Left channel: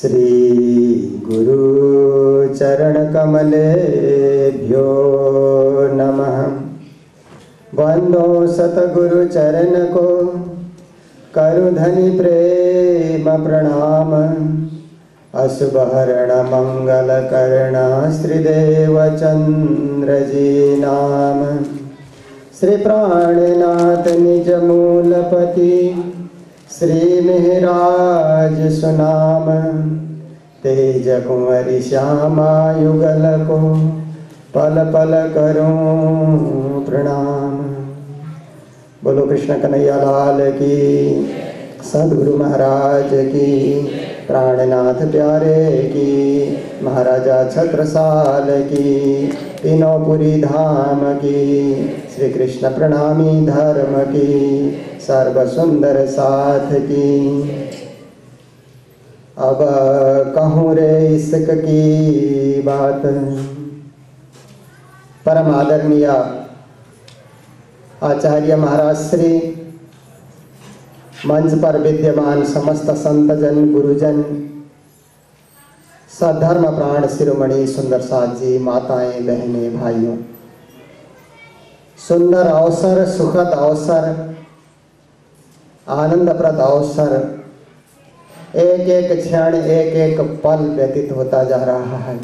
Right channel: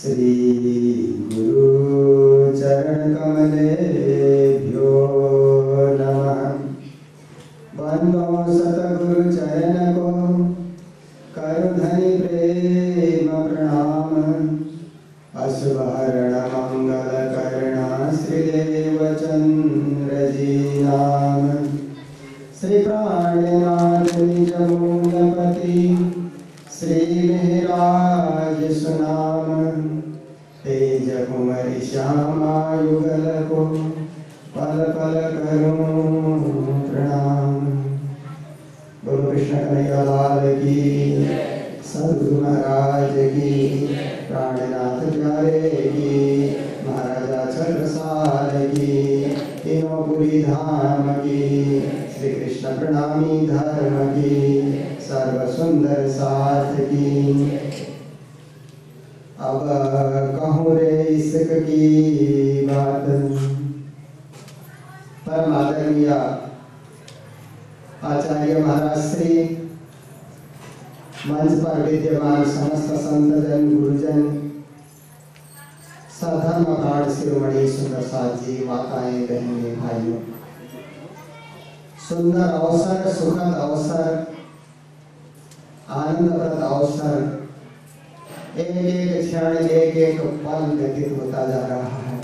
श्री गुरु चरण कमलेभ्यो नमः। वंदो सतगुरु चरण को करु धनि प्रेम प्रणाम। अशुभ हरण मंगल कर्ण श्रीदेव चंद्र जी नाम। श्री प्राणनाथ निज मूलपति श्री मेहराज सुनाम। तेज कुंवरी श्यामा युगल को पल पल करूं प्रणाम। बोलो कृष्ण कन्हैया लाल की, सद्गुरु महाराज की, प्राणनाथ प्यारे की, महाराजा छत्रसाल की, तीनों धाम की, श्री कृष्ण प्रणामी धर्म की, सर्व सुंदर साथ की। अब कहूँ रे इश्क की बात। परम आदरणीय आचार्य महाराज श्री, मंच पर विद्यमान समस्त संतजन, गुरुजन, सद्धर्म प्राण शिरोमणि सुंदर साथ जी, माताएं, बहनें, भाइयों, सुंदर अवसर, सुखद अवसर, आनंदप्रद अवसर, एक एक क्षण, एक एक पल व्यतीत होता जा रहा है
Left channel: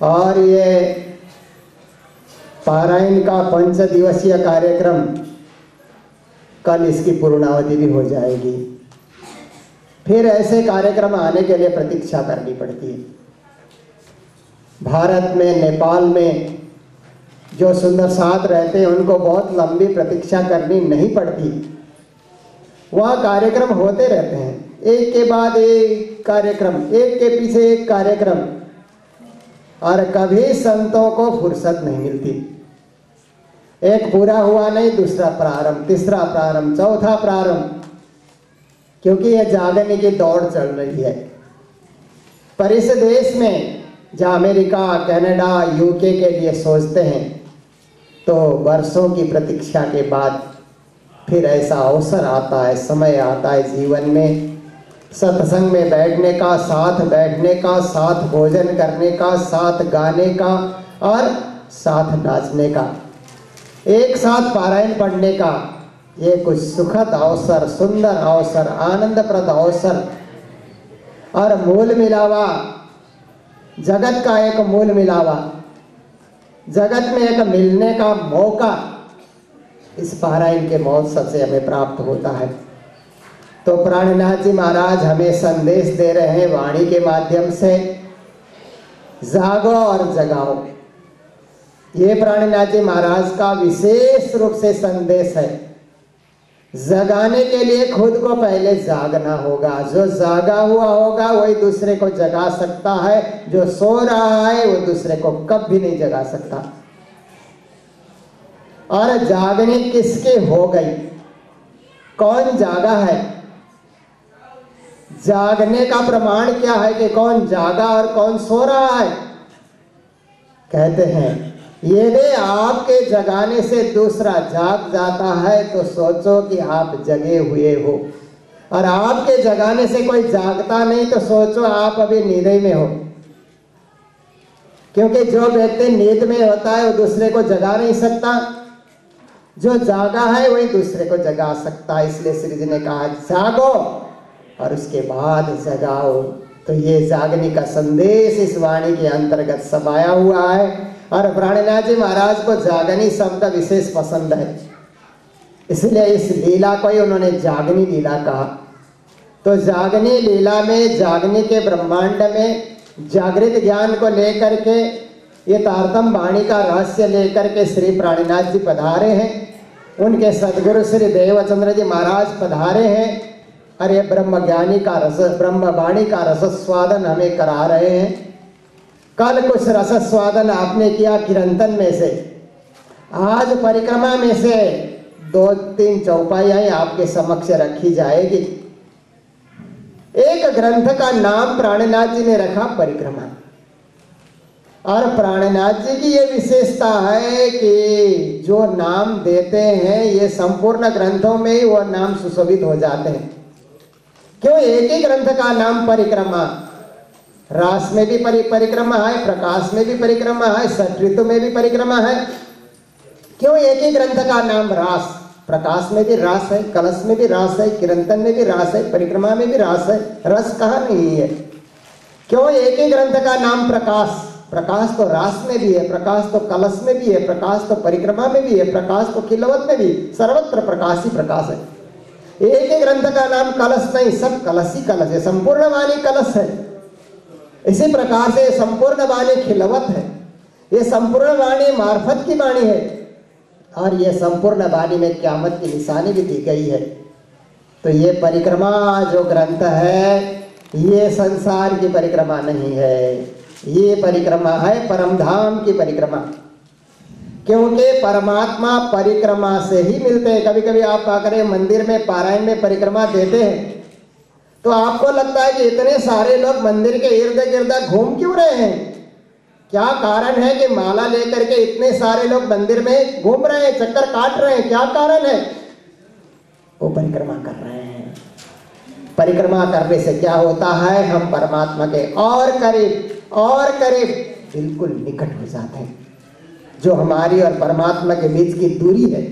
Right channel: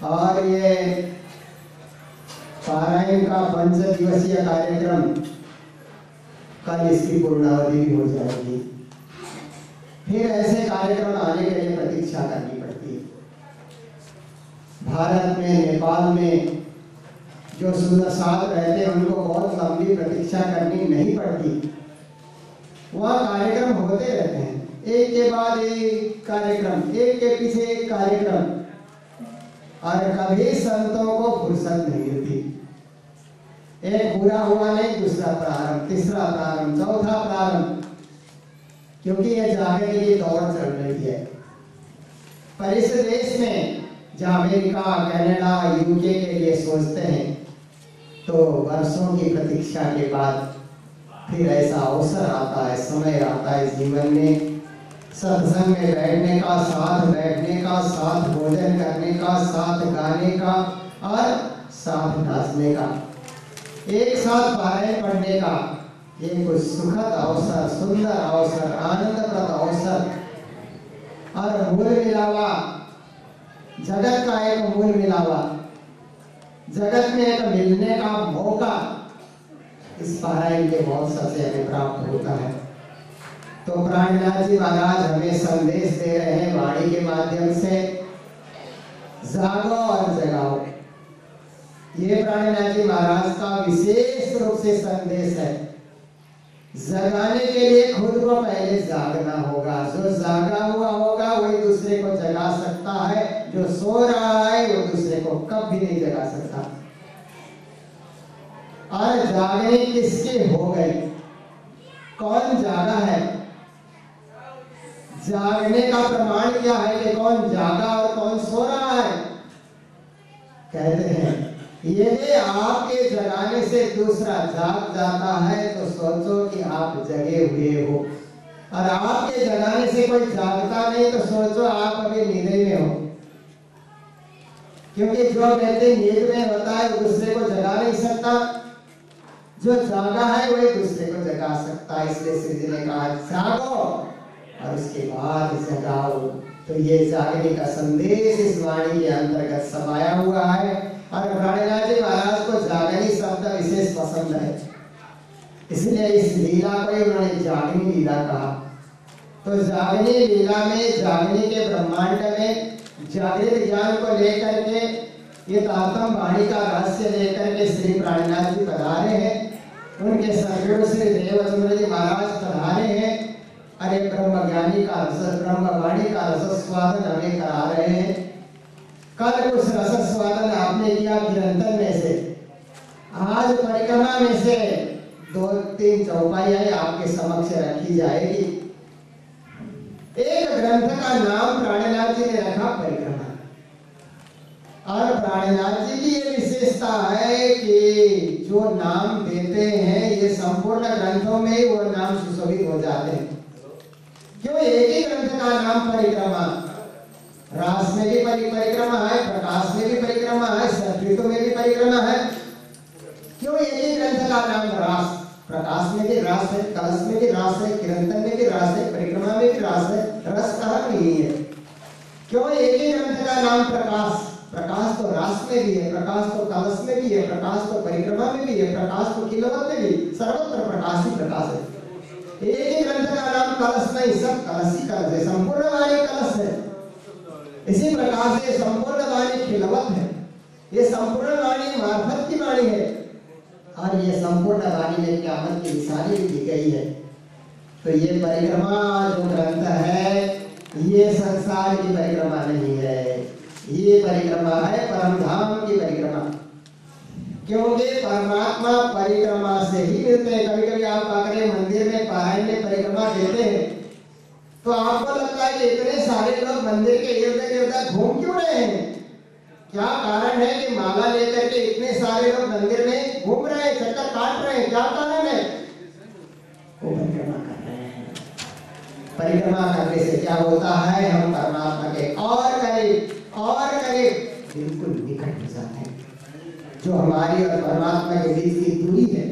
और ये पारायण का 5 दिवसीय कार्यक्रम कल इसकी पूर्णावधि भी हो जाएगी। फिर ऐसे कार्यक्रम आने के लिए प्रतीक्षा करनी पड़ती है। भारत में, नेपाल में जो सुंदर साथ रहते हैं उनको बहुत लंबी प्रतीक्षा करनी नहीं पड़ती। वहाँ कार्यक्रम होते रहते हैं, एक के बाद एक कार्यक्रम, एक के पीछे एक कार्यक्रम, और कभी संतों को फुर्सत नहीं मिलती। एक पूरा हुआ नहीं, दूसरा प्रारंभ, तीसरा प्रारंभ, चौथा प्रारंभ, क्योंकि यह जागने की दौड़ चल रही है। पर इस देश में जहाँ अमेरिका, कनाडा, यूके के लिए सोचते हैं, तो वर्षों की प्रतीक्षा के बाद फिर ऐसा अवसर आता है, समय आता है जीवन में, सत्संग में बैठने का, साथ बैठने का, साथ भोजन करने का, साथ गाने का और साथ नाचने का, एक साथ पारायण पढ़ने का। ये कुछ सुखद अवसर, सुंदर अवसर, आनंदप्रद अवसर और मूल मिलावा, जगत का एक मूल मिलावा, जगत में एक मिलने का मौका इस पारायण के महोत्सव से हमें प्राप्त होता है। तो प्राणनाथ जी महाराज हमें संदेश दे रहे हैं वाणी के माध्यम से, जागो और जगाओ। ये प्राणनाथ जी महाराज का विशेष रूप से संदेश है। जगाने के लिए खुद को पहले जागना होगा। जो जागा हुआ होगा वही दूसरे को जगा सकता है, जो सो रहा है वो दूसरे को कभी नहीं जगा सकता। और जागने किसके हो गई, कौन जागा है? जागने का प्रमाण क्या है कि कौन जागा और कौन सो रहा है? कहते हैं यदि आपके जगाने से दूसरा जाग जाता है तो सोचो कि आप जगे हुए हो, और आपके जगाने से कोई जागता नहीं तो सोचो आप अभी नींद में हो। क्योंकि जो व्यक्ति नींद में होता है वो दूसरे को जगा नहीं सकता, जो जागा है वही दूसरे को जगा सकता है। इसलिए श्री जी ने कहा जागो और उसके बाद जगाओ। तो ये जागने का संदेश इस वाणी के अंतर्गत समाया हुआ है। और प्राणनाथ जी महाराज को जागनी शब्द विशेष पसंद है, इसलिए इस लीला को ही उन्होंने जागनी लीला कहा। तो जागनी लीला में, जागने के ब्रह्मांड में जागृत ज्ञान को लेकर के, ये तारतम वाणी का रहस्य लेकर के श्री प्राणनाथ जी पधारे हैं। उनके सदगुरु श्री देवचंद्र जी महाराज पधारे हैं। अरे ब्रह्म ज्ञानी का रस, ब्रह्म वाणी का रसस्वादन हमें करा रहे हैं। कल कुछ रसस्वादन आपने किया कीर्तन में से, आज परिक्रमा में से 2-3 चौपाइयां आपके समक्ष रखी जाएगी। एक ग्रंथ का नाम प्राणनाथ जी ने रखा परिक्रमा, और प्राणनाथ जी की ये विशेषता है कि जो नाम देते हैं ये संपूर्ण ग्रंथों में ही वो नाम सुशोभित हो जाते हैं। क्यों एक ही ग्रंथ का नाम परिक्रमा? रास में भी परिक्रमा है, प्रकाश में भी परिक्रमा है, षट ऋतु में भी परिक्रमा है। क्यों एक ही ग्रंथ का नाम रास? प्रकाश में भी रास है, कलश में भी रास है, किरंतन में भी रास है, परिक्रमा में भी रास है, रस कहाँ नहीं है? क्यों एक ही ग्रंथ का नाम प्रकाश? प्रकाश तो रास में भी है, प्रकाश तो कलश में भी है, प्रकाश तो परिक्रमा में भी है, प्रकाश तो खिलवत में भी, सर्वत्र प्रकाश ही प्रकाश है। एक ही ग्रंथ का नाम कलश नहीं, सब कलश ही कलश है, संपूर्ण वाणी कलश है। इसी प्रकार से संपूर्ण वाणी खिलवत है, ये संपूर्ण वाणी मार्फत की वाणी है, और ये संपूर्ण वाणी में क़यामत की निशानी भी दी गई है। तो ये परिक्रमा जो ग्रंथ है, ये संसार की परिक्रमा नहीं है, ये परिक्रमा है परम धाम की परिक्रमा। क्योंकि परमात्मा परिक्रमा से ही मिलते हैं। कभी कभी आप आकर मंदिर में पारायण में परिक्रमा देते हैं तो आपको लगता है कि इतने सारे लोग मंदिर के इर्द गिर्द घूम क्यों रहे हैं? क्या कारण है कि माला लेकर के इतने सारे लोग मंदिर में घूम रहे हैं, चक्कर काट रहे हैं? क्या कारण है? वो परिक्रमा कर रहे हैं। परिक्रमा करने से क्या होता है? हम परमात्मा के और करीब बिल्कुल निकट हो जाते हैं। जो हमारी और परमात्मा के बीच की दूरी है,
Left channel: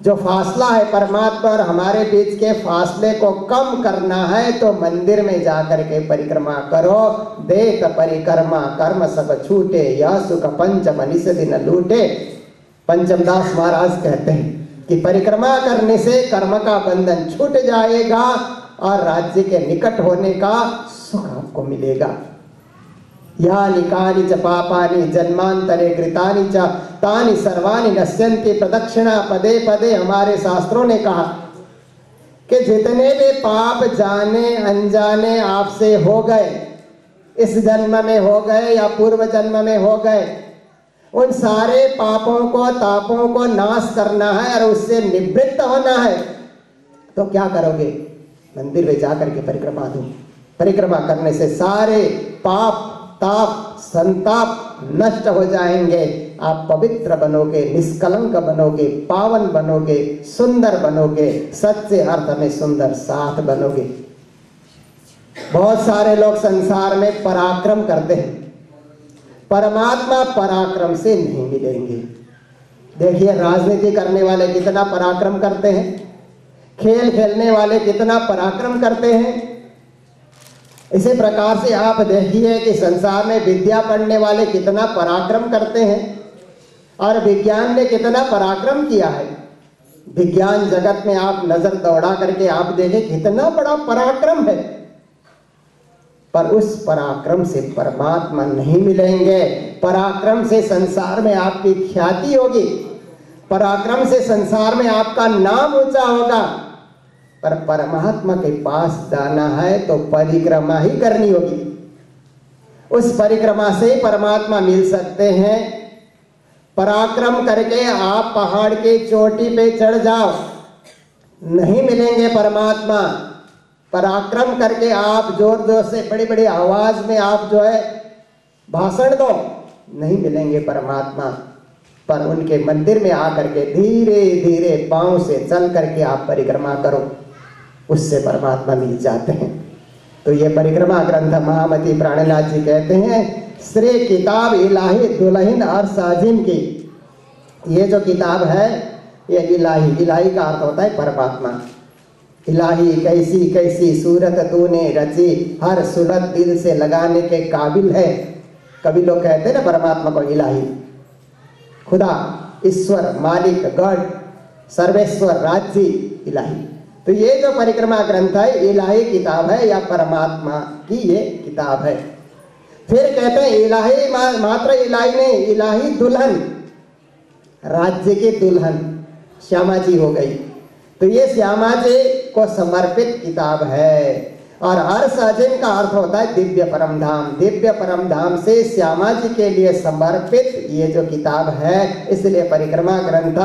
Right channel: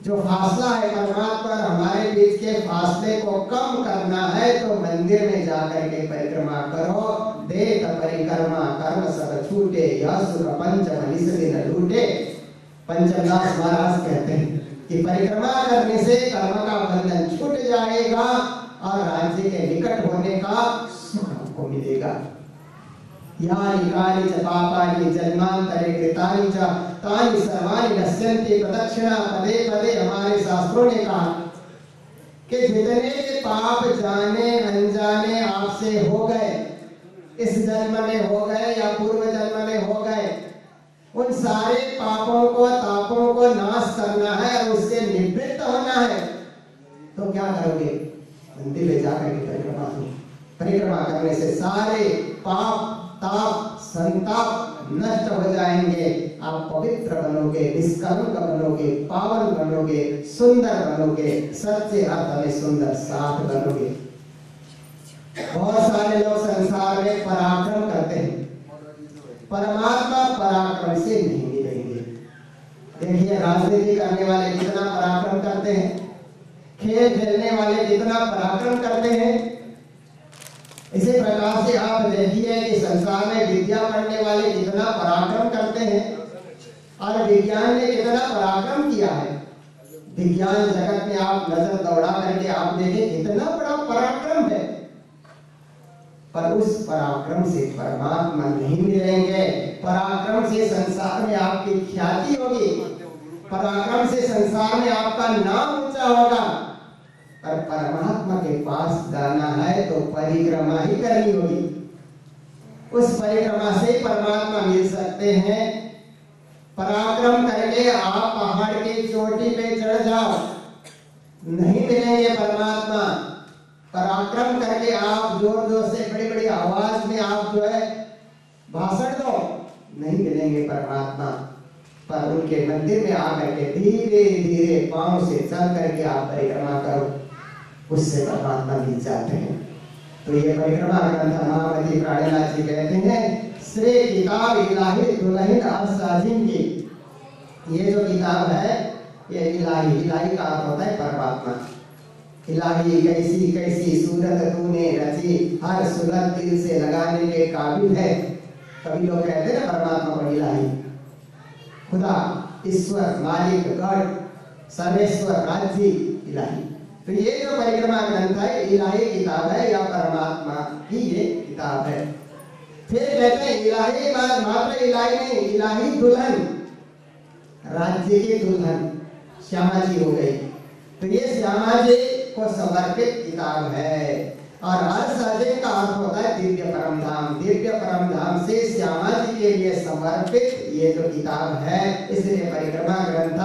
जो फासला है परमात्मा और हमारे बीच के फासले को कम करना है तो मंदिर में जाकर के परिक्रमा करो। देख परिक्रमा कर्म सब छूटे, यह सुख पंचम निस दिन लूटे। पंचमदास महाराज कहते हैं कि परिक्रमा करने से कर्म का बंधन छूट जाएगा और राज्य के निकट होने का सुख आपको मिलेगा। यानि कानि च पापानि जन्मांतरे कृतानि च तानि सर्वाणि नश्यन्ति प्रदक्षिणा पदे पदे। हमारे शास्त्रों ने कहा कि जितने भी पाप जाने अनजाने आपसे हो गए, इस जन्म में हो गए या पूर्व जन्म में हो गए, उन सारे पापों को तापों को नाश करना है और उससे निवृत्त होना है। तो क्या करोगे? मंदिर में जाकर के परिक्रमा दो। परिक्रमा करने से सारे पाप ताप संताप नष्ट हो जाएंगे। आप पवित्र बनोगे, निष्कलंक बनोगे, पावन बनोगे, सुंदर बनोगे, सच्चे अर्थ में सुंदर साथ बनोगे। बहुत सारे लोग संसार में पराक्रम करते हैं, परमात्मा पराक्रम से नहीं मिलेंगे। देखिए राजनीति करने वाले कितना पराक्रम करते हैं, खेल खेलने वाले कितना पराक्रम करते हैं। इसी प्रकार से आप देखिए कि संसार में विद्या पढ़ने वाले कितना पराक्रम करते हैं और विज्ञान ने कितना पराक्रम किया है। विज्ञान जगत में आप नजर दौड़ा करके आप देखें कितना बड़ा पराक्रम है, पर उस पराक्रम से परमात्मा नहीं मिलेंगे। पराक्रम से संसार में आपकी ख्याति होगी, पराक्रम से संसार में आपका नाम ऊंचा होगा, पर परमात्मा के पास जाना है तो परिक्रमा ही करनी होगी। उस परिक्रमा से परमात्मा मिल सकते हैं। पराक्रम करके आप पहाड़ के चोटी पे चढ़ जाओ, नहीं मिलेंगे परमात्मा। पराक्रम करके आप जोर जोर से बड़ी बड़ी आवाज में आप जो है भाषण दो, नहीं मिलेंगे परमात्मा। पर उनके मंदिर में आकर के धीरे धीरे पांव से चल करके आप परिक्रमा करो, उससे परमात्मा मिल जाते हैं। तो ये परिक्रमा ग्रंथ महामती प्राणनाथ जी कहते हैं श्री किताब इलाही दुल्हन और साजिन की। ये जो किताब है ये इलाही का अर्थ होता है परमात्मा। इलाही कैसी कैसी सूरत तूने रची, हर सूरत दिल से लगाने के काबिल है। कभी लोग कहते हैं ना परमात्मा को इलाही, खुदा, ईश्वर, मालिक, गॉड, सर्वेश्वर, राज्य, इलाही। तो ये जो परिक्रमा ग्रंथ है इलाही किताब है या परमात्मा की ये किताब है। फिर कहते हैं इलाही मात्र इलाही नहीं, इलाही दुल्हन, राज्य की दुल्हन श्यामा जी हो गई। तो ये श्यामा जी को समर्पित किताब है। और हर साजिन का अर्थ होता है दिव्य परम धाम। दिव्य परम धाम से श्यामा जी के लिए समर्पित ये जो किताब है, इसलिए परिक्रमा ग्रंथ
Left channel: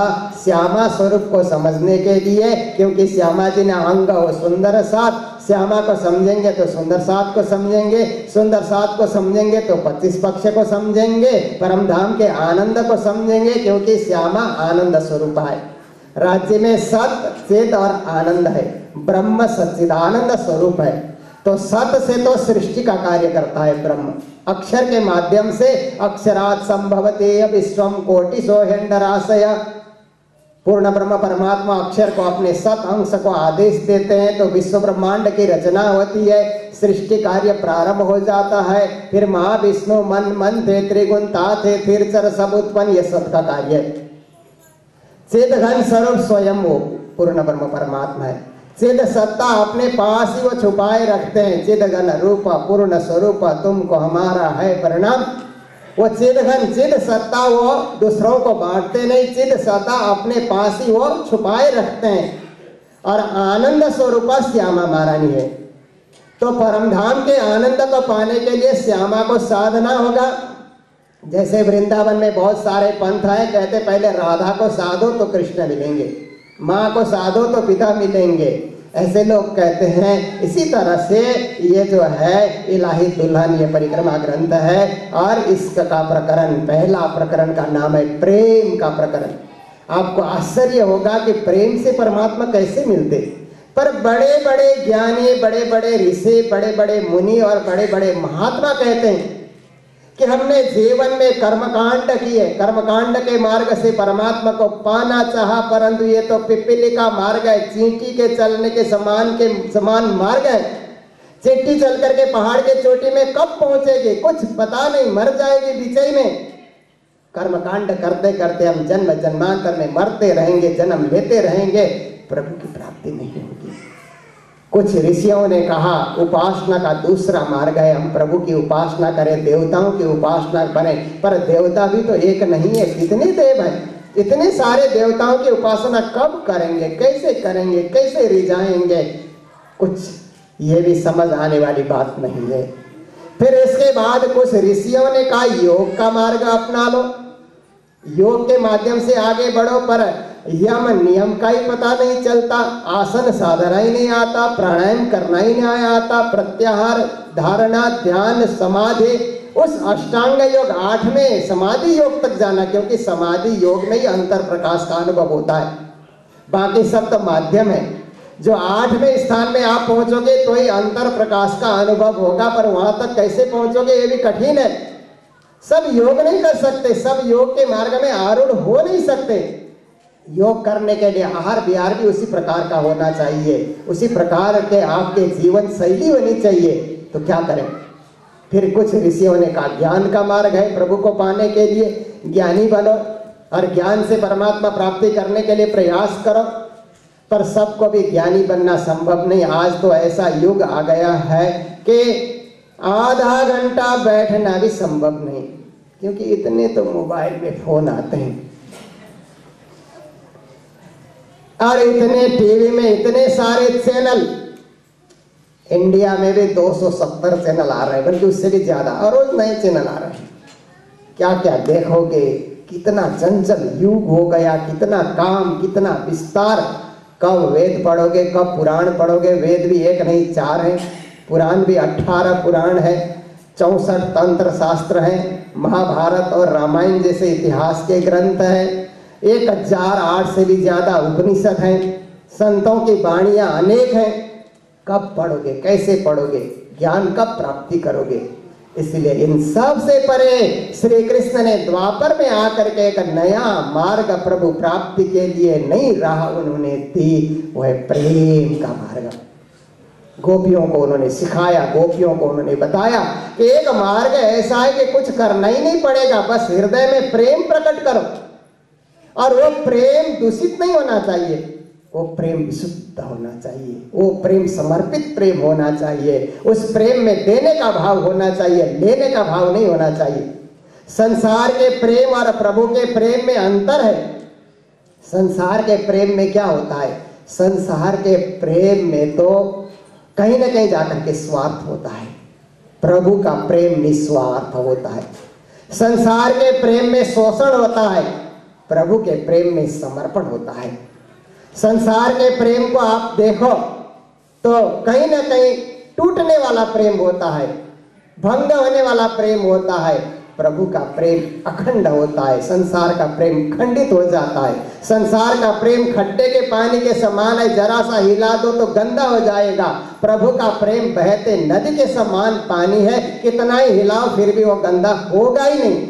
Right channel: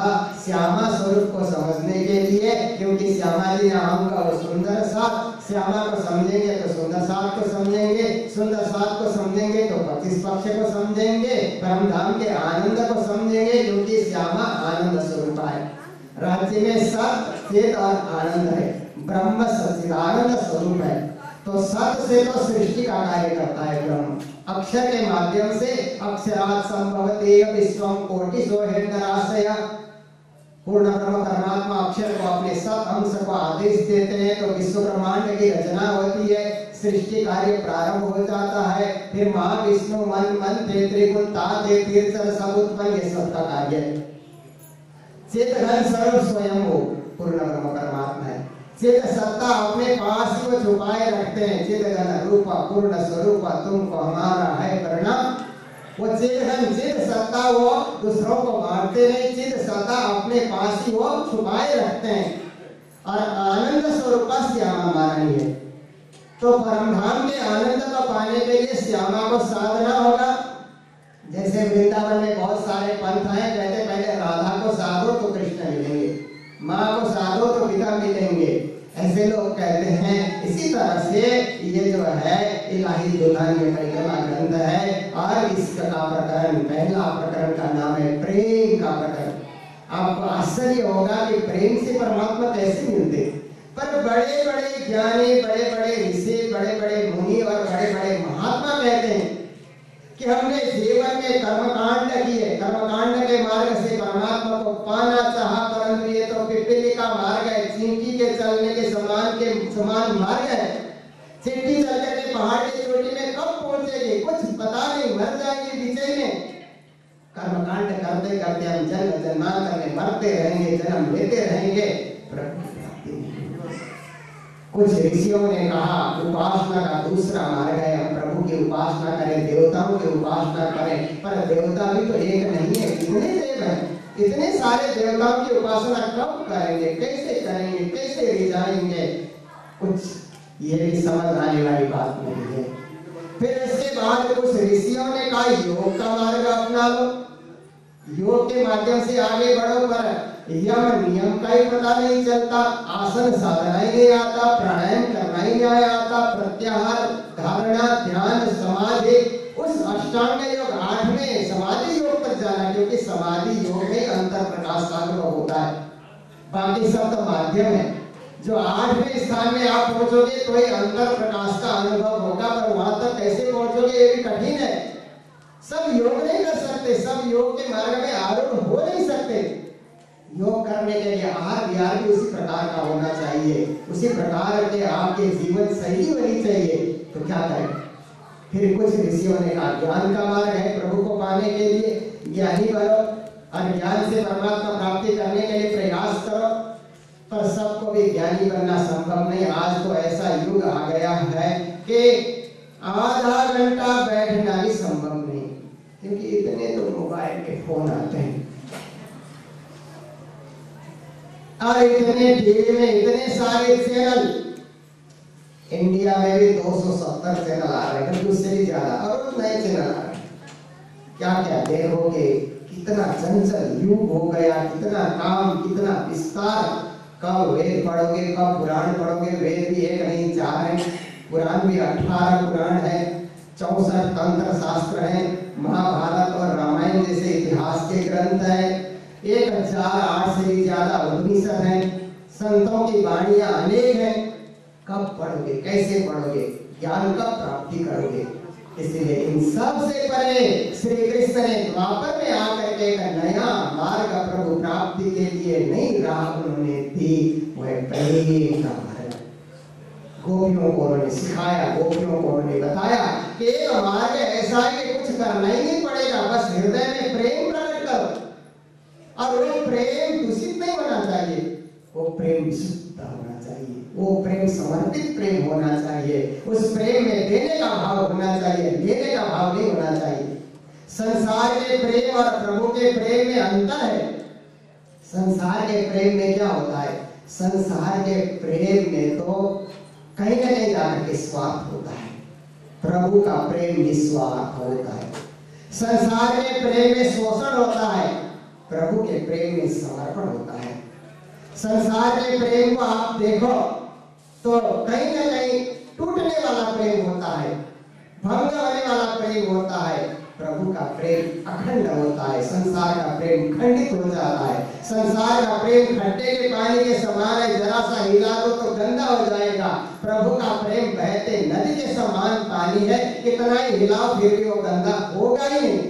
श्यामा स्वरूप को समझने के लिए, क्योंकि श्यामा जी ने अंग वो सुंदर साथ, श्यामा को समझेंगे तो सुंदर साथ को समझेंगे, सुंदर साथ को समझेंगे तो 25 पक्ष को समझेंगे, परम धाम के आनंद को समझेंगे, क्योंकि श्यामा आनंद स्वरूप है। राज्य में सत, चेत और आनंद है। ब्रह्म सच्चिदानंद स्वरूप है। तो सत से तो सृष्टि का कार्य करता है ब्रह्म। अक्षर के माध्यम से अक्षरात् संभवते विश्वम कोटिशो हेंडराशय। पूर्ण ब्रह्म परमात्मा अक्षर को अपने सत अंश को आदेश देते हैं तो विश्व ब्रह्मांड की रचना होती है, सृष्टि कार्य प्रारंभ हो जाता है। फिर महाविष्णु मन मन थे त्रिगुण ता थे फिर चर सब उत्पन्न, ये सब का कार्य है। चिद घन स्वरूप स्वयं वो पूर्ण ब्रह्म परमात्मा है। चिद सत्ता अपने पास ही वो छुपाए रखते हैं। चिद घन रूप पूर्ण स्वरूप तुमको हमारा है परिणाम। वो चिद घन चिद सत्ता वो दूसरों को बांटते नहीं, चिद सत्ता अपने पास ही वो छुपाए रखते हैं। और आनंद स्वरूप श्यामा महारानी है। तो परमधाम के आनंद को पाने के लिए श्यामा को साधना होगा। जैसे वृंदावन में बहुत सारे पंथ है, कहते पहले राधा को साधो तो कृष्ण मिलेंगे, माँ को साधो तो पिता मिलेंगे, ऐसे लोग कहते हैं। इसी तरह से ये जो है इलाही दुल्हन ये परिक्रमा ग्रंथ है और इसका प्रकरण, पहला प्रकरण का नाम है प्रेम का प्रकरण। आपको आश्चर्य होगा कि प्रेम से परमात्मा कैसे मिलते। पर बड़े बड़े ज्ञानी, बड़े बड़े ऋषि, बड़े बड़े मुनि और बड़े बड़े महात्मा कहते हैं कि हमने जीवन में कर्मकांड किए, कर्मकांड के मार्ग से परमात्मा को पाना चाहा, परंतु ये तो पिपीली का मार्ग है, चींटी के चलने के समान मार्ग है। चींटी चल करके पहाड़ के चोटी में कब पहुंचेगी कुछ पता नहीं, मर जाएगी बीच में। कर्मकांड करते करते हम जन्म जन्मांतर में मरते रहेंगे, जन्म लेते रहेंगे, प्रभु की प्राप्ति नहीं होगी। कुछ ऋषियों ने कहा उपासना का दूसरा मार्ग है, हम प्रभु की उपासना करें, देवताओं की उपासना करें। पर देवता भी तो एक नहीं है, कितने देव हैं, इतने सारे देवताओं की उपासना कब करेंगे, कैसे करेंगे, कैसे रिझाएंगे, कुछ ये भी समझ आने वाली बात नहीं है। फिर इसके बाद कुछ ऋषियों ने कहा योग का मार्ग अपना लो, योग के माध्यम से आगे बढ़ो। पर यम नियम का ही पता नहीं चलता, आसन साधना ही नहीं आता, प्राणायाम करना ही नहीं आता, प्रत्याहार, धारणा, ध्यान, समाधि, उस अष्टांग योग 8वें समाधि योग तक जाना, क्योंकि समाधि योग में ही अंतर प्रकाश का अनुभव होता है, बाकी सब तो माध्यम है। जो 8वें स्थान में आप पहुंचोगे तो ही अंतर प्रकाश का अनुभव होगा, पर वहां तक कैसे पहुंचोगे ये भी कठिन है। सब योग नहीं कर सकते, सब योग के मार्ग में आरूढ़ हो नहीं सकते। योग करने के लिए आहार विहार भी उसी प्रकार का होना चाहिए, उसी प्रकार के आपके जीवन शैली होनी चाहिए। तो क्या करें? फिर कुछ ऋषियों ने कहा ज्ञान का मार्ग है, प्रभु को पाने के लिए ज्ञानी बनो और ज्ञान से परमात्मा प्राप्ति करने के लिए प्रयास करो। पर सबको भी ज्ञानी बनना संभव नहीं। आज तो ऐसा युग आ गया है कि आधा घंटा बैठना भी संभव नहीं, क्योंकि इतने तो मोबाइल में फोन आते हैं और इतने टीवी में इतने सारे चैनल, इंडिया में भी 270 चैनल आ रहे हैं, बल्कि उससे भी ज्यादा, और रोज नए चैनल आ रहे हैं। क्या क्या देखोगे, कितना चंचल युग हो गया, कितना काम, कितना विस्तार। कब वेद पढ़ोगे, कब पुराण पढ़ोगे, वेद भी एक नहीं 4 हैं, पुराण भी 18 पुराण है, 64 तंत्र शास्त्र हैं, महाभारत और रामायण जैसे इतिहास के ग्रंथ हैं, 1008 से भी ज्यादा उपनिषद हैं, संतों की वाणियां अनेक हैं। कब पढ़ोगे, कैसे पढ़ोगे, ज्ञान कब प्राप्ति करोगे? इसलिए इन सब से परे श्री कृष्ण ने द्वापर में आकर के एक नया मार्ग प्रभु प्राप्ति के लिए नई राह उन्होंने दी, वह प्रेम का मार्ग। गोपियों को उन्होंने सिखाया, गोपियों को उन्होंने बताया कि एक मार्ग ऐसा है कि कुछ करना ही नहीं पड़ेगा, बस हृदय में प्रेम प्रकट करो। और वो प्रेम दूषित नहीं होना चाहिए, वो प्रेम विशुद्ध होना चाहिए, वो प्रेम समर्पित प्रेम होना चाहिए, उस प्रेम में देने का भाव होना चाहिए, लेने का भाव नहीं होना चाहिए। संसार के प्रेम और प्रभु के प्रेम में अंतर है। संसार के प्रेम में क्या होता है? संसार के प्रेम में तो कहीं ना कहीं जाकर के स्वार्थ होता है, प्रभु का प्रेम निस्वार्थ होता है। संसार के प्रेम में शोषण होता है, प्रभु के प्रेम में समर्पण होता है। संसार के प्रेम को आप देखो तो कहीं ना कहीं टूटने वाला प्रेम होता है, भंग होने वाला प्रेम होता है, प्रभु का प्रेम अखंड होता है, संसार का प्रेम खंडित हो जाता है। संसार का प्रेम खट्टे के पानी के समान है, जरा सा हिला दो तो गंदा हो जाएगा। प्रभु का प्रेम बहते नदी के समान पानी है, कितना ही हिलाओ फिर भी वो गंदा होगा ही नहीं।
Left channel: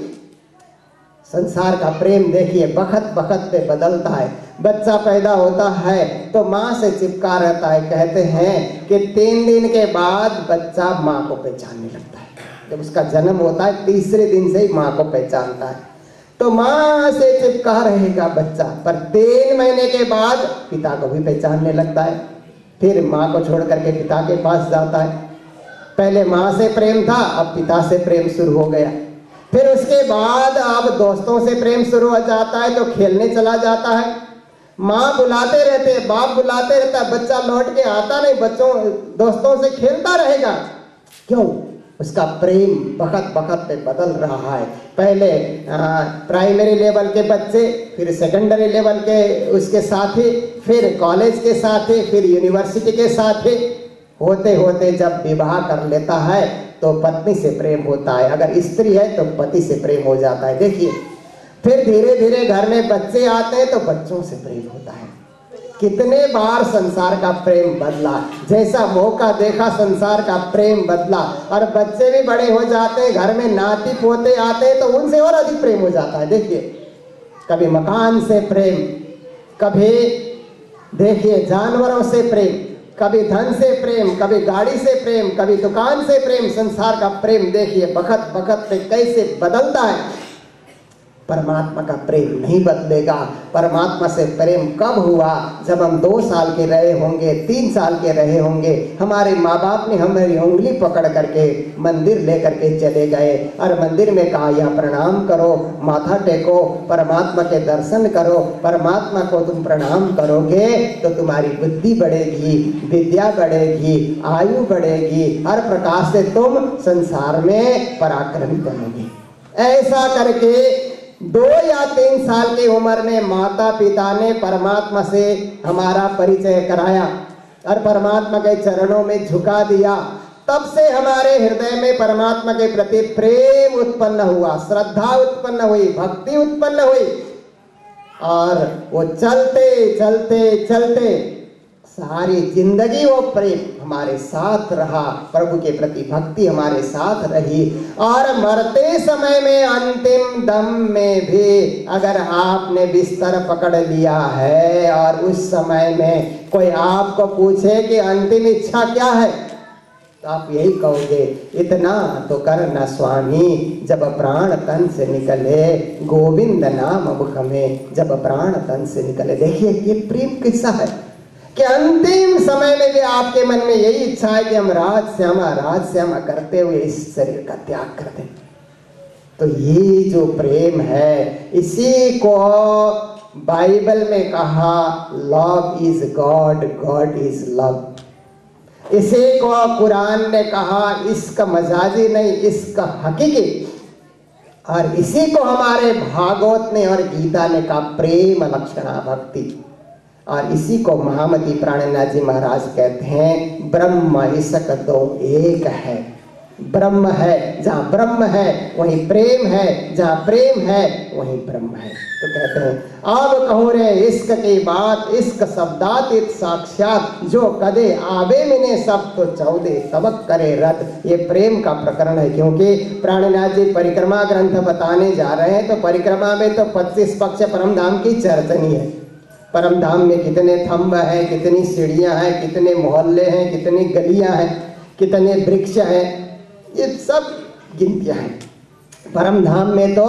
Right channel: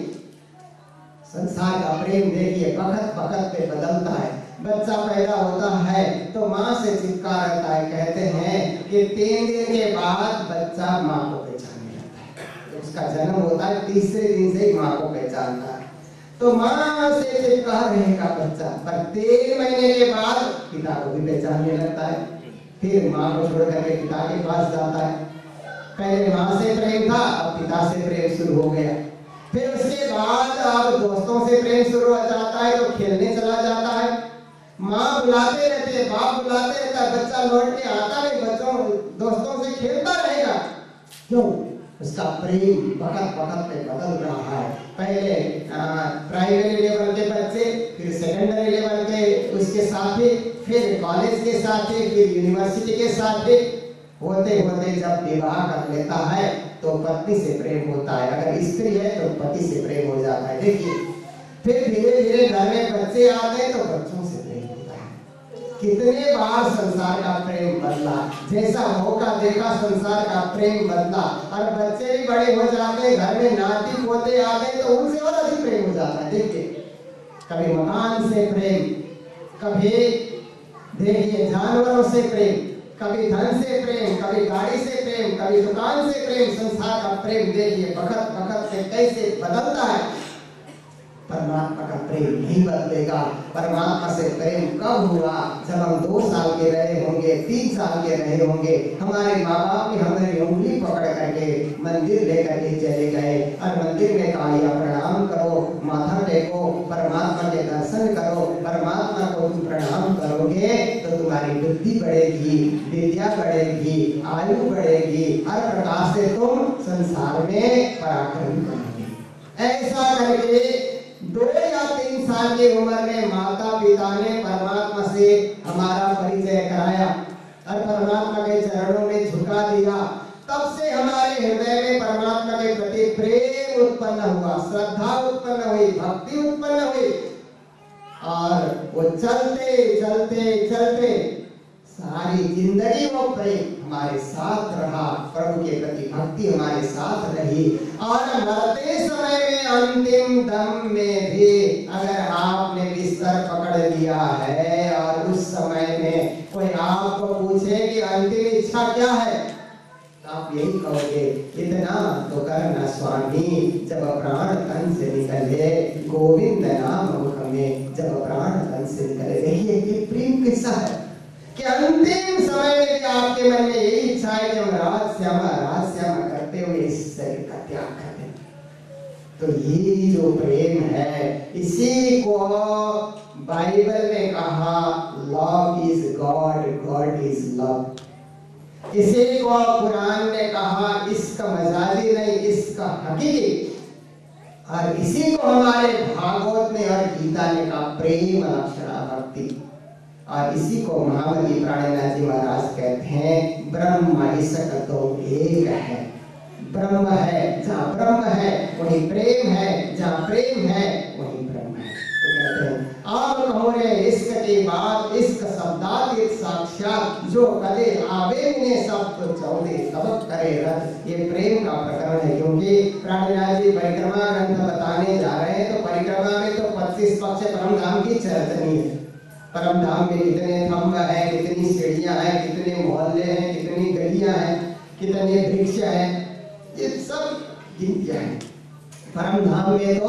संसार का प्रेम देखिए बखत बखत पे बदलता है। बच्चा पैदा होता है तो माँ से चिपका रहता है। कहते हैं कि 3 दिन के बाद बच्चा माँ को पहचानने लगता है। जब उसका जन्म होता है तीसरे दिन से ही माँ को पहचानता है। तो माँ से चिपका रहेगा बच्चा, पर 3 महीने के बाद पिता को भी पहचानने लगता है। फिर माँ को छोड़ करके पिता के पास जाता है। पहले माँ से प्रेम था, अब पिता से प्रेम शुरू हो गया। फिर उसके बाद अब दोस्तों से प्रेम शुरू हो जाता है तो खेलने चला जाता है। माँ बुलाते रहते, बाप बुलाते रहता है, बच्चा लौट के आता नहीं, बच्चों दोस्तों से खेलता रहेगा। क्यों? उसका प्रेम बखत बखत पे बदल रहा है। पहले प्राइमरी लेवल के बच्चे, फिर सेकेंडरी लेवल के उसके साथी, फिर कॉलेज के साथी, फिर यूनिवर्सिटी के साथी। होते होते जब विवाह कर लेता है तो पत्नी से प्रेम होता है, अगर स्त्री है तो पति से प्रेम हो जाता है। देखिए, फिर धीरे धीरे घर में बच्चे आते हैं तो बच्चों से प्रेम होता है। कितने बार संसार का प्रेम बदला, जैसा मौका देखा संसार का प्रेम बदला। और बच्चे भी बड़े हो जाते हैं, घर में नाती पोते आते हैं तो उनसे और अधिक प्रेम हो जाता है। देखिए, कभी मकान से प्रेम, कभी देखिए जानवरों से प्रेम, कभी धन से प्रेम, कभी गाड़ी से प्रेम, कभी दुकान से प्रेम। संसार का प्रेम देखिए बखत बखत पे कैसे बदलता है। परमात्मा का प्रेम नहीं बदलेगा। परमात्मा से प्रेम कब हुआ? जब हम 2 साल के रहे होंगे, 3 साल के रहे होंगे, हमारे माँ बाप ने हमारी उंगली पकड़ करके मंदिर लेकर के चले गए और मंदिर में कहा यह प्रणाम करो, माथा टेको, परमात्मा के दर्शन करो। परमात्मा को तुम प्रणाम करोगे तो तुम्हारी बुद्धि बढ़ेगी, विद्या बढ़ेगी, आयु बढ़ेगी, हर प्रकार से तुम संसार में पराक्रमी बनोगे। ऐसा करके 2 या 3 साल की उम्र में माता पिता ने परमात्मा से हमारा परिचय कराया और परमात्मा के चरणों में झुका दिया। तब से हमारे हृदय में परमात्मा के प्रति प्रेम उत्पन्न हुआ, श्रद्धा उत्पन्न हुई, भक्ति उत्पन्न हुई। और वो चलते चलते चलते सारी जिंदगी वो प्रेम हमारे साथ रहा, प्रभु के प्रति भक्ति हमारे साथ रही। और मरते समय में अंतिम दम में भी अगर आपने बिस्तर पकड़ लिया है और उस समय में कोई आपको पूछे कि अंतिम इच्छा क्या है, तो आप यही कहोगे, इतना तो करना स्वामी, जब प्राण तन से निकले, गोविंद नाम मुख में जब प्राण तन से निकले। देखिए ये प्रेम किस्सा है कि अंतिम समय में भी आपके मन में यही इच्छा है कि हम राज श्यामा करते हुए इस शरीर का त्याग कर दें। तो ये जो प्रेम है, इसी को बाइबल में कहा love is God, God is love. इसी को कुरान ने कहा इश्क मजाजी नहीं, इश्क हकीकी। और इसी को हमारे भागवत ने और गीता ने कहा प्रेम लक्षणा भक्ति। और इसी को महामती प्राणनाथ जी महाराज कहते हैं ब्रह्म इसक दो एक है। ब्रह्म है, जहाँ ब्रह्म है वहीं प्रेम है, जहाँ प्रेम है वहीं ब्रह्म है। तो कहते हैं अब कहो रे इश्क की बात, इश्क शब्दातीत साक्षात, जो कदे आवे मिने सब तो चौदे तबक करे रत। ये प्रेम का प्रकरण है, क्योंकि प्राणनाथ जी परिक्रमा ग्रंथ बताने जा रहे हैं। तो परिक्रमा में तो 25 पक्ष परम धाम की चर्चनी है। परम धाम में कितने थंब हैं, कितनी सीढ़ियां हैं, कितने मोहल्ले हैं, कितनी गलियां हैं, कितने वृक्ष हैं, ये सब गिनतियां हैं। परम धाम में तो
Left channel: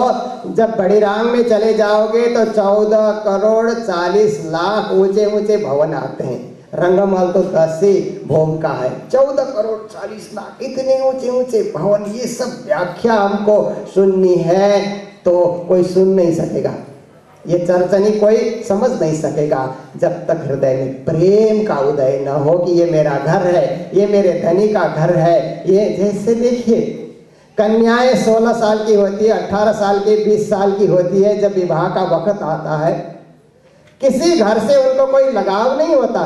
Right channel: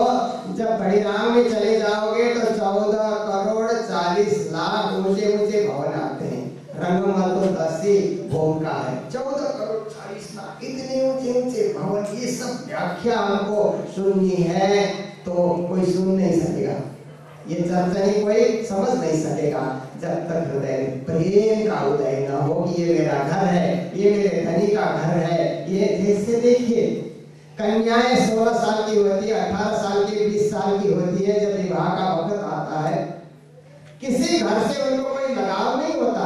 जब बड़ी राम में चले जाओगे तो 14 करोड़ 40 लाख ऊंचे ऊंचे भवन आते हैं। रंगमहल तो 10 ही भोग का है, 14 करोड़ 40 लाख इतने ऊंचे ऊंचे भवन। ये सब व्याख्या हमको सुननी है तो कोई सुन नहीं सकेगा, ये चर्चनी कोई समझ नहीं सकेगा जब तक हृदय में प्रेम का उदय न हो कि ये मेरा घर है, ये मेरे धनी का घर है। ये जैसे देखिए कन्याएं 16 साल की होती है, 18 साल की, 20 साल की होती है। जब विवाह का वक्त आता है किसी घर से उनको कोई लगाव नहीं होता,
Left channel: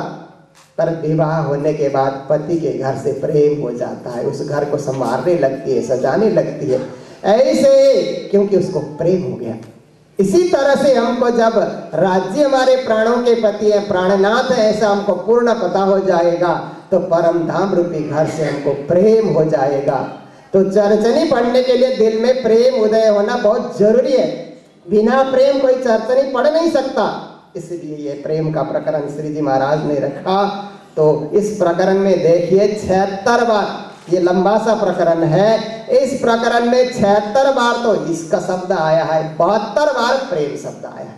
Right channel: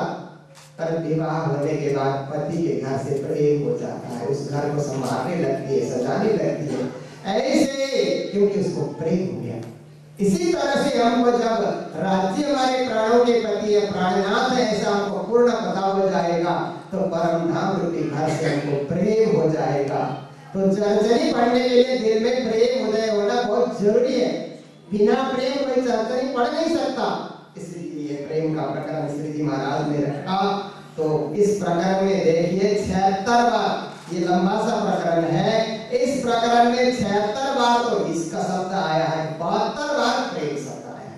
पर विवाह होने के बाद पति के घर से प्रेम हो जाता है। उस घर को संवारने लगती है, सजाने लगती है। ऐसे, क्योंकि उसको प्रेम हो गया। इसी तरह से हमको जब राज्य हमारे प्राणों के पति है, प्राणनाथ है, ऐसा हमको पूर्ण पता हो जाएगा तो परम धाम रूपी घर से हमको प्रेम हो जाएगा। तो चरचनी पढ़ने के लिए दिल में प्रेम उदय होना बहुत जरूरी है। बिना प्रेम कोई चरचनी पढ़ नहीं सकता। इसलिए ये प्रेम का प्रकरण श्री जी महाराज ने रखा। तो इस प्रकरण में देखिए 76 बार, ये लंबा सा प्रकरण है, इस प्रकरण में 76 बार तो इसका शब्द आया है, 72 बार प्रेम शब्द आया है।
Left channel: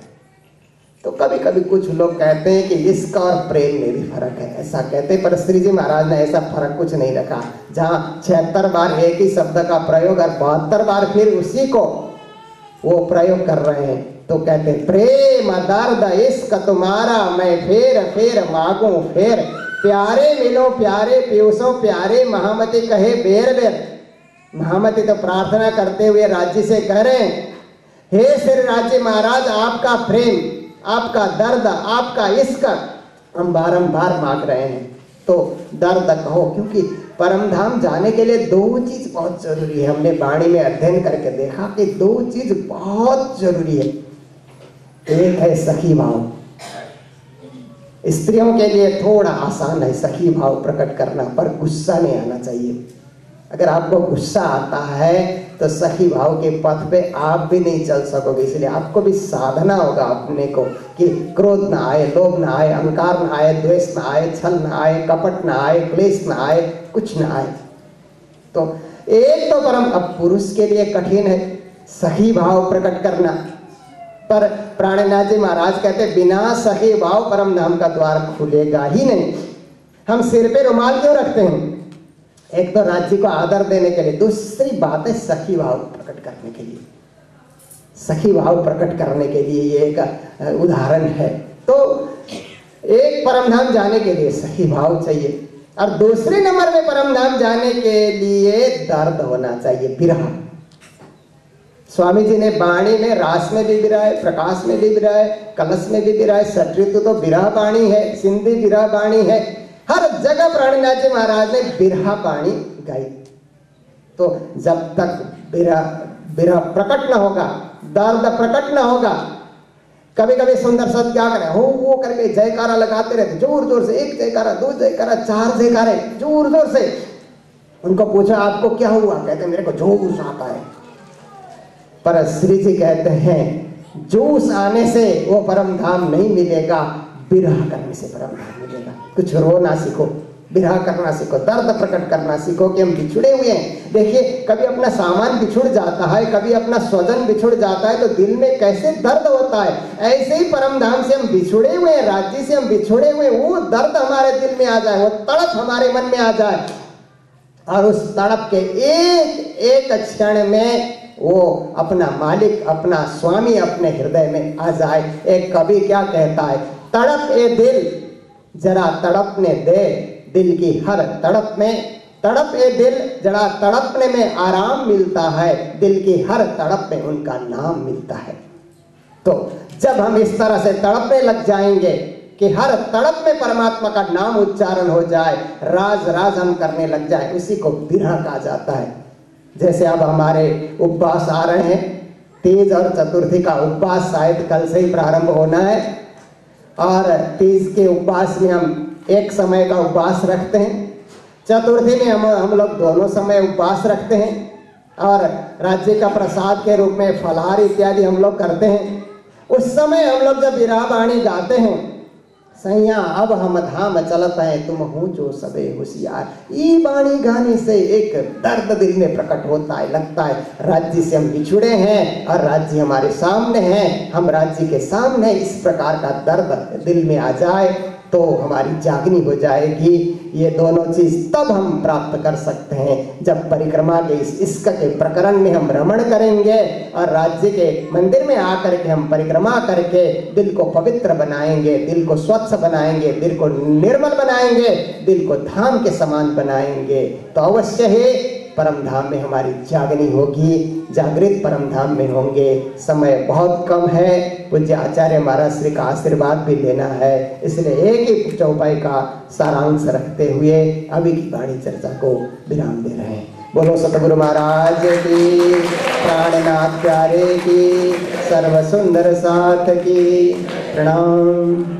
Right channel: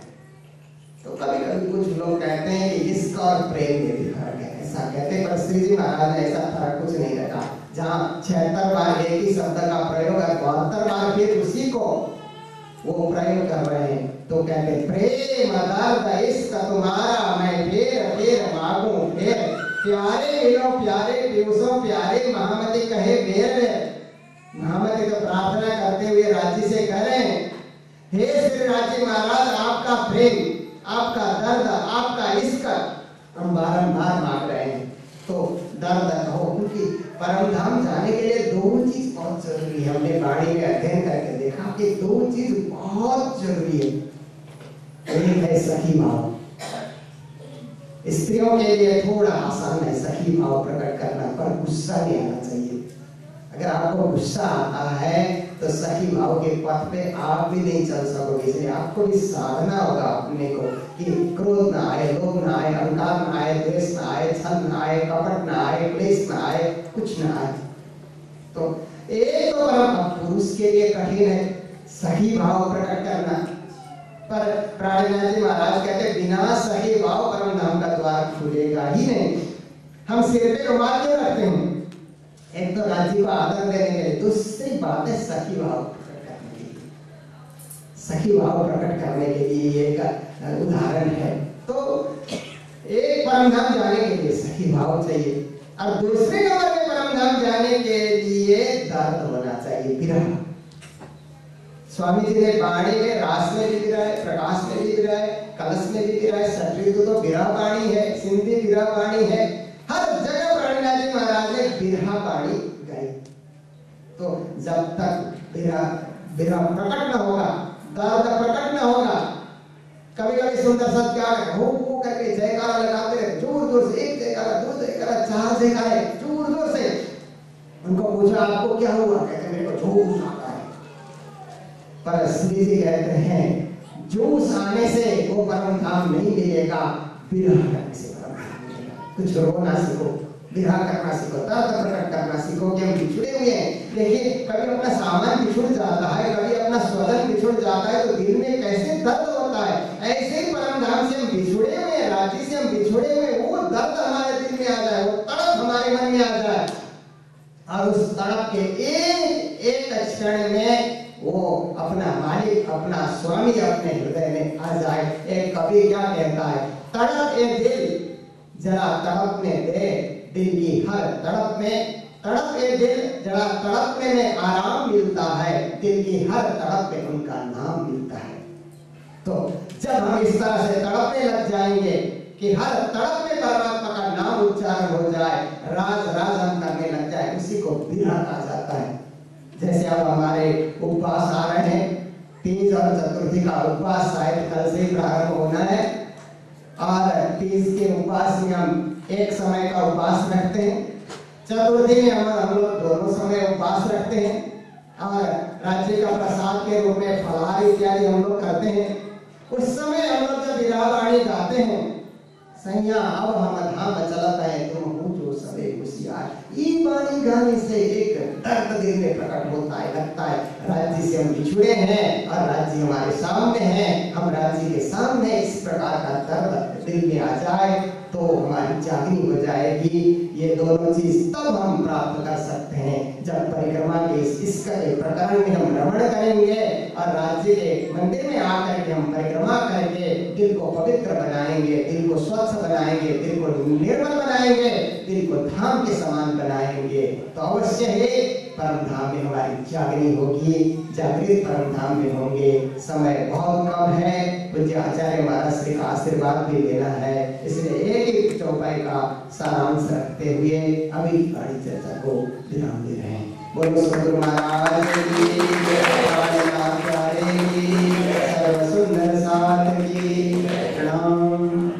तो कभी कभी कुछ लोग कहते हैं कि इसका और प्रेम में भी फर्क है, ऐसा कहते हैं, पर श्री जी महाराज ने ऐसा फर्क कुछ नहीं रखा। जहाँ 76 बार एक ही शब्द का प्रयोग और 72 बार फिर उसी को वो प्रयोग कर रहे हैं, तो कहते हैं प्रेम दर्द इश्क तुम्हारा मैं फेर फेर मांगू फेर, प्यारे मिलो प्यारे पीयूषों प्यारे, महामती कहे बेर बेर। महामती तो प्रार्थना करते हुए राज्य से कह रहे हैं, हे श्री राज्य महाराज, आपका प्रेम, आपका दर्द, आपका इश्क हम बारंबार मांग रहे हैं। तो दर्द कहो, क्योंकि परम धाम जाने के लिए दो चीज बहुत जरूरी है। हमने वाणी में अध्ययन करके देखा कि दो चीज बहुत जरूरी है। एक है सखी भाव। स्त्रियों के लिए थोड़ा आसान है सखी भाव प्रकट करना, पर गुस्सा नहीं आना चाहिए। अगर आपको गुस्सा आता है तो सखी भाव के पथ पे आप भी नहीं चल सकोगे। इसलिए आपको भी साधना होगा अपने को कि क्रोध ना आए, लोभ ना आए, अहंकार ना आए, द्वेष ना आए, छल ना आए, कपट ना आए, क्लेश ना आए, कुछ ना आए। तो एक तो परम, अब पुरुष के लिए कठिन है सखी भाव प्रकट करना, पर प्राणनाथ जी महाराज कहते बिना सखी भाव परम धाम का द्वार खुलेगा ही नहीं। हम सिर पे रुमाल क्यों रखते हैं? एक तो राज्य को आदर देने के लिए, दूसरी बात है सखी भाव प्रकट करने के लिए। सखी भाव प्रकट करने के लिए ये एक उदाहरण है। तो एक परमधाम जाने के लिए सखी भाव चाहिए, और दूसरे नंबर में परमधाम जाने के लिए दर्द होना चाहिए, विरह। स्वामी जी ने वाणी में रास में भी विरह है, प्रकाश में भी विरह है, कलश में भी विरह है, षटऋतु तो विरह वाणी है, सिंधी विरह वाणी है, हर जगह प्राणनाथ जी महाराज ने विरह वाणी गाई। तो जब तक विरह प्रकट न होगा, दर्द प्रकट न होगा, कभी कभी सुंदर सत क्या करे, हो वो करके जयकारा लगाते रहते, जोर जोर से, एक जयकारा, दो जयकारा, चार जयकारे, जोर जोर से। उनको पूछा आपको क्या हुआ? कहते मेरे को जोश आता है। पर श्री जी कहते हैं जोश आने से वो परम धाम नहीं मिलेगा, विरह करने से परम धाम मिलेगा। कुछ रोना सीखो, विरह करना सीखो, दर्द प्रकट करना सीखो कि हम बिछुड़े हुए हैं। देखिए कभी अपना सामान बिछुड़ जाता है, कभी अपना स्वजन बिछुड़ जाता है, तो दिल में कैसे दर्द होता है। ऐसे ही परम धाम से हम बिछुड़े हुए हैं, राज्य से हम बिछुड़े हुए, वो दर्द हमारे दिल में आ जाए, वो तड़प हमारे मन में आ जाए, और उस तड़प के एक एक क्षण में वो अपना मालिक, अपना स्वामी अपने हृदय में आ जाए। एक कवि क्या कहता है, तड़प ए दिल जरा तड़पने दे, दिल की हर तड़प में, तड़प ए दिल जरा तड़पने में आराम मिलता है, दिल की हर तड़प में उनका नाम मिलता है। तो जब हम इस तरह से तड़पने लग जाएंगे कि हर तड़प में परमात्मा का नाम उच्चारण हो जाए, राज राज हम करने लग जाए, उसी को विरह कहा जाता है। जैसे अब हमारे उपवास आ रहे हैं, तीज और चतुर्थी का उपवास शायद कल से ही प्रारंभ होना है, और तीज के उपवास में हम एक समय का उपवास रखते हैं, चतुर्थी में हम लोग दोनों समय उपवास रखते हैं, और राज्य का प्रसाद के रूप में फलाहार इत्यादि हम लोग करते हैं। उस समय हम लोग जब विरह वाणी गाते हैं, सैया अब हम धाम चलत है तुम हो जो सबे होशियार, ये वाणी गाने से एक दर्द दिल में प्रकट होता है, लगता है राज्य से हम बिछुड़े हैं और राज्य हमारे सामने है, हम राज्य के सामने। इस प्रकार का दर्द दिल में आ जाए तो हमारी जागनी हो जाएगी। ये दोनों चीज तब हम प्राप्त कर सकते हैं जब परिक्रमा के इस इश्क के प्रकरण में हम रमण करेंगे, और राज्य के मंदिर में आकर के हम परिक्रमा करके दिल को पवित्र बनाएंगे, दिल को स्वच्छ बनाएंगे, दिल को निर्मल बनाएंगे, दिल को धाम के समान बनाएंगे, तो अवश्य है परम धाम में हमारी जागनी होगी, जागृत परम धाम में होंगे। समय बहुत कम है, पूज्य आचार्य महाराज श्री का आशीर्वाद भी लेना है, इसलिए एक ही चौपाई का सारांश रखते हुए अभी की वाणी चर्चा को विराम दे रहे हैं। बोलो सतगुरु महाराज की, प्राणनाथ प्यारे की, सर्व सुंदर साथ की। प्रणाम।